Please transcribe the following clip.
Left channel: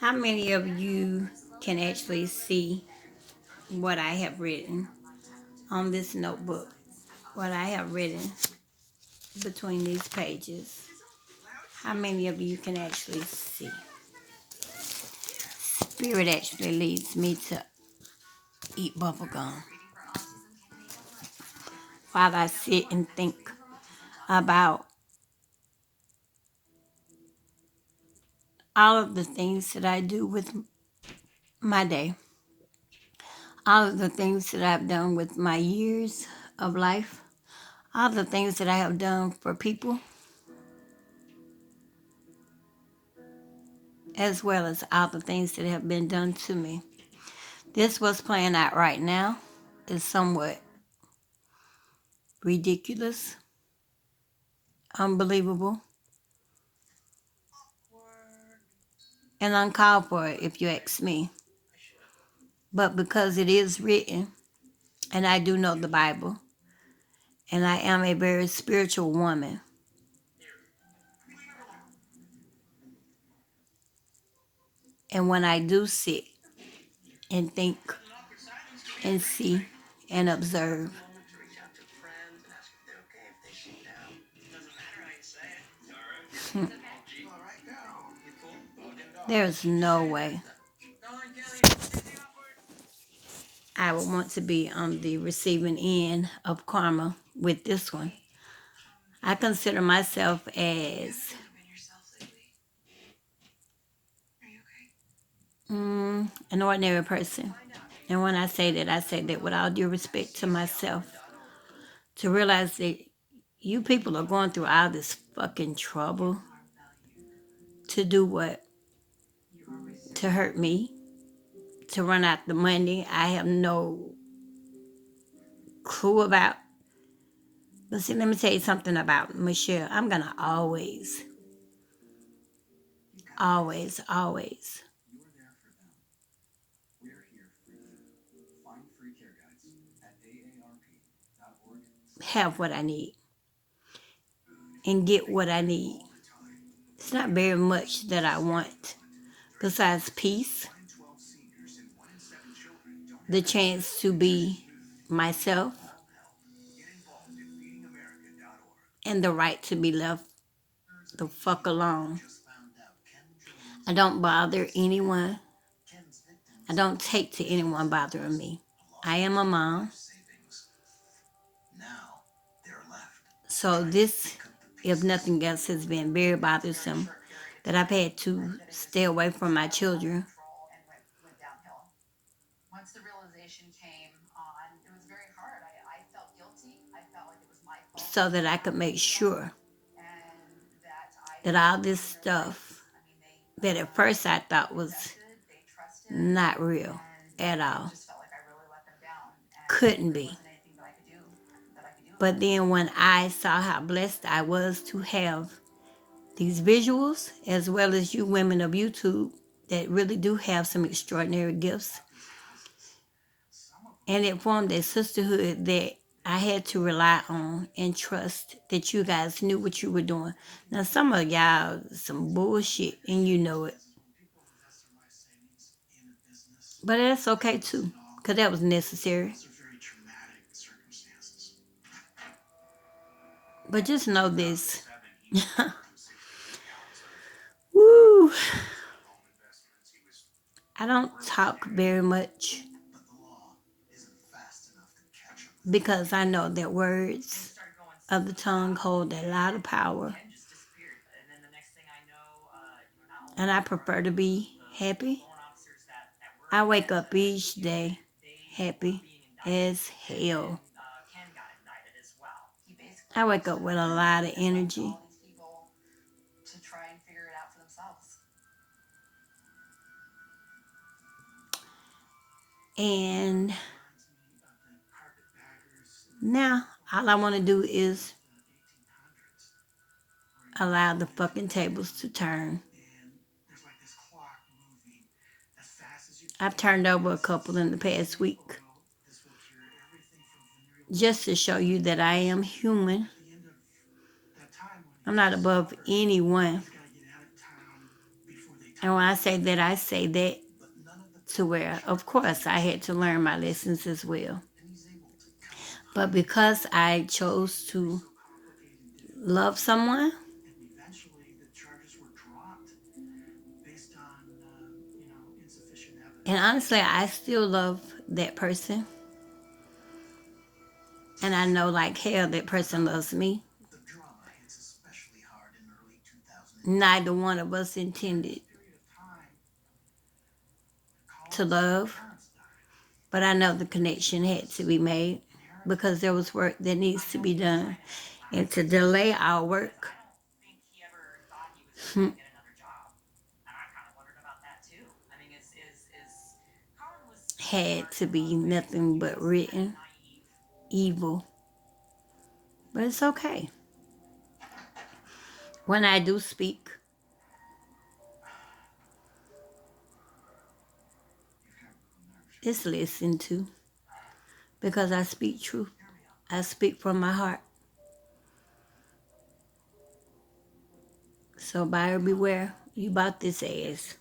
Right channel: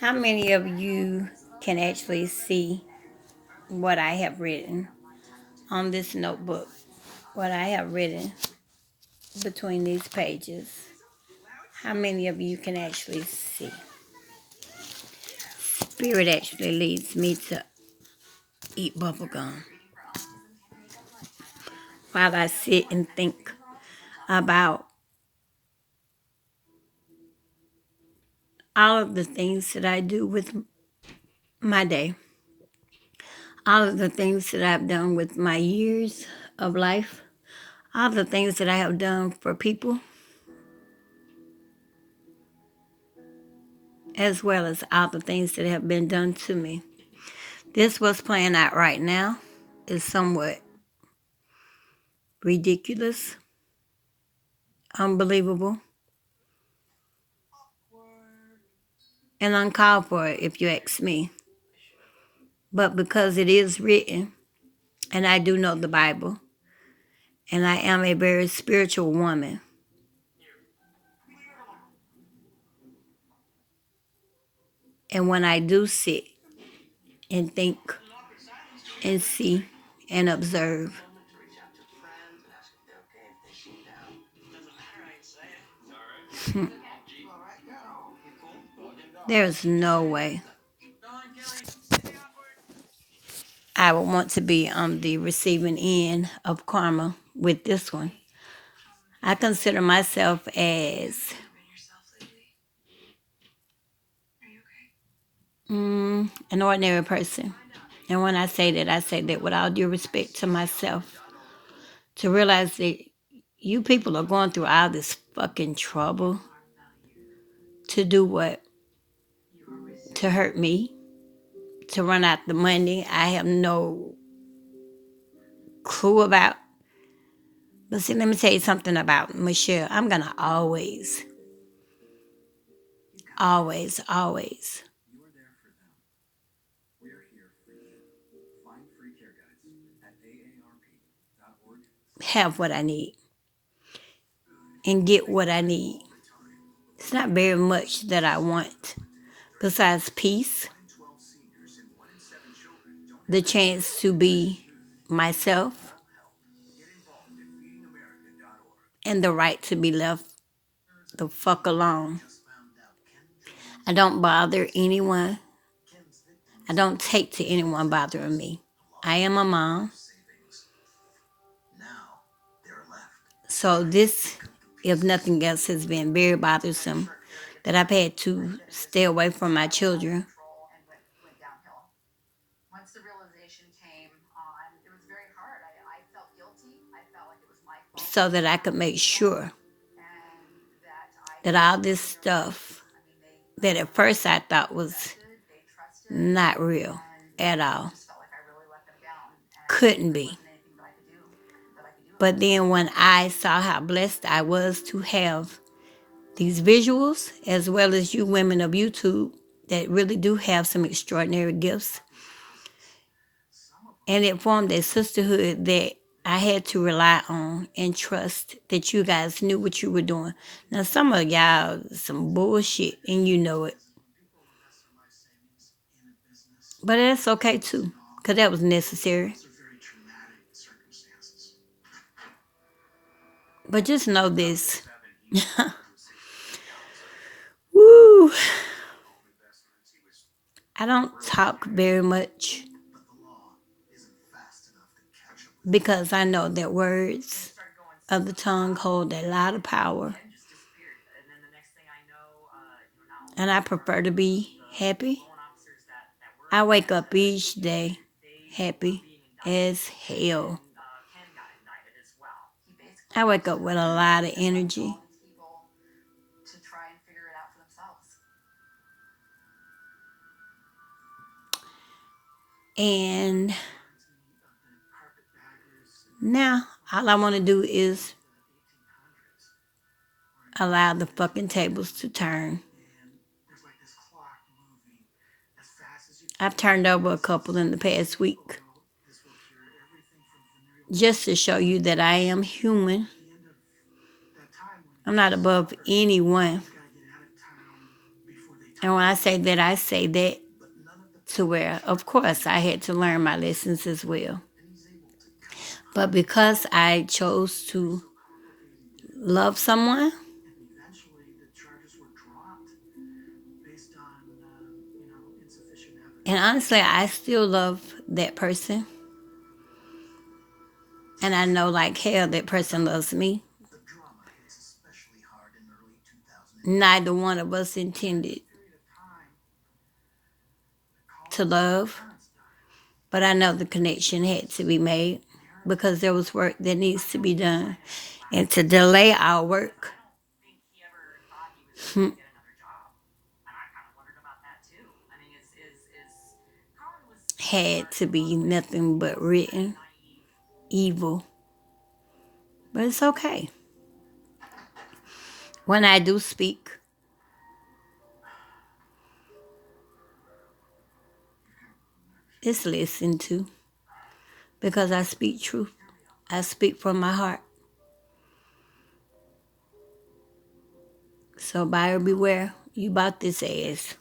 How many of you can actually see what I have written on this notebook? What I have written between these pages. How many of you can actually see? Spirit actually leads me to eat bubble gum while I sit and think about all of the things that I do with my day, all of the things that I've done with my years of life, all the things that I have done for people, as well as all the things that have been done to me. This what's playing out right now is somewhat ridiculous, unbelievable, and uncalled for, if you ask me. But because it is written, and I do know the Bible, and I am a very spiritual woman, and when I do sit and think and see and observe, there's no way I would want to be on the receiving end of karma with this one. I consider myself as an ordinary person. And when I say that with all due respect to myself, to realize that you people are going through all this fucking trouble to do what? To hurt me, to run out the money I have no clue about. But see, let me tell you something about Michelle. I'm going to always have what I need and get what I need. It's not very much that I want besides peace, the chance to be myself, and the right to be left the fuck alone. I don't bother anyone. I don't take to anyone bothering me. I am a mom. So this, if nothing else, has been very bothersome that I've had to stay away from my children so that I could make sure that all this stuff that at first I thought was not real at all couldn't be. But then when I saw how blessed I was to have these visuals, as well as you women of YouTube that really do have some extraordinary gifts, and it formed a sisterhood that I had to rely on and trust that you guys knew what you were doing. Now, some of y'all, some bullshit, and you know it. But that's okay too, because that was necessary. But just know this. Woo! I don't talk very much because I know that words of the tongue hold a lot of power. And I prefer to be happy. I wake up each day happy as hell. I wake up with a lot of energy. And now all I want to do is allow the fucking tables to turn. I've turned over a couple in the past week just to show you that I am human. I'm not above anyone. And when I say that to where, of course, I had to learn my lessons as well. But because I chose to love someone, and honestly, I still love that person. And I know like hell that person loves me. Neither one of us intended to love, but I know the connection had to be made because there was work that needs to be done. And to delay our work had to be nothing but written evil. But it's okay. When I do speak, it's listened to because I speak truth. I speak from my heart. So buyer beware, you bought this ass.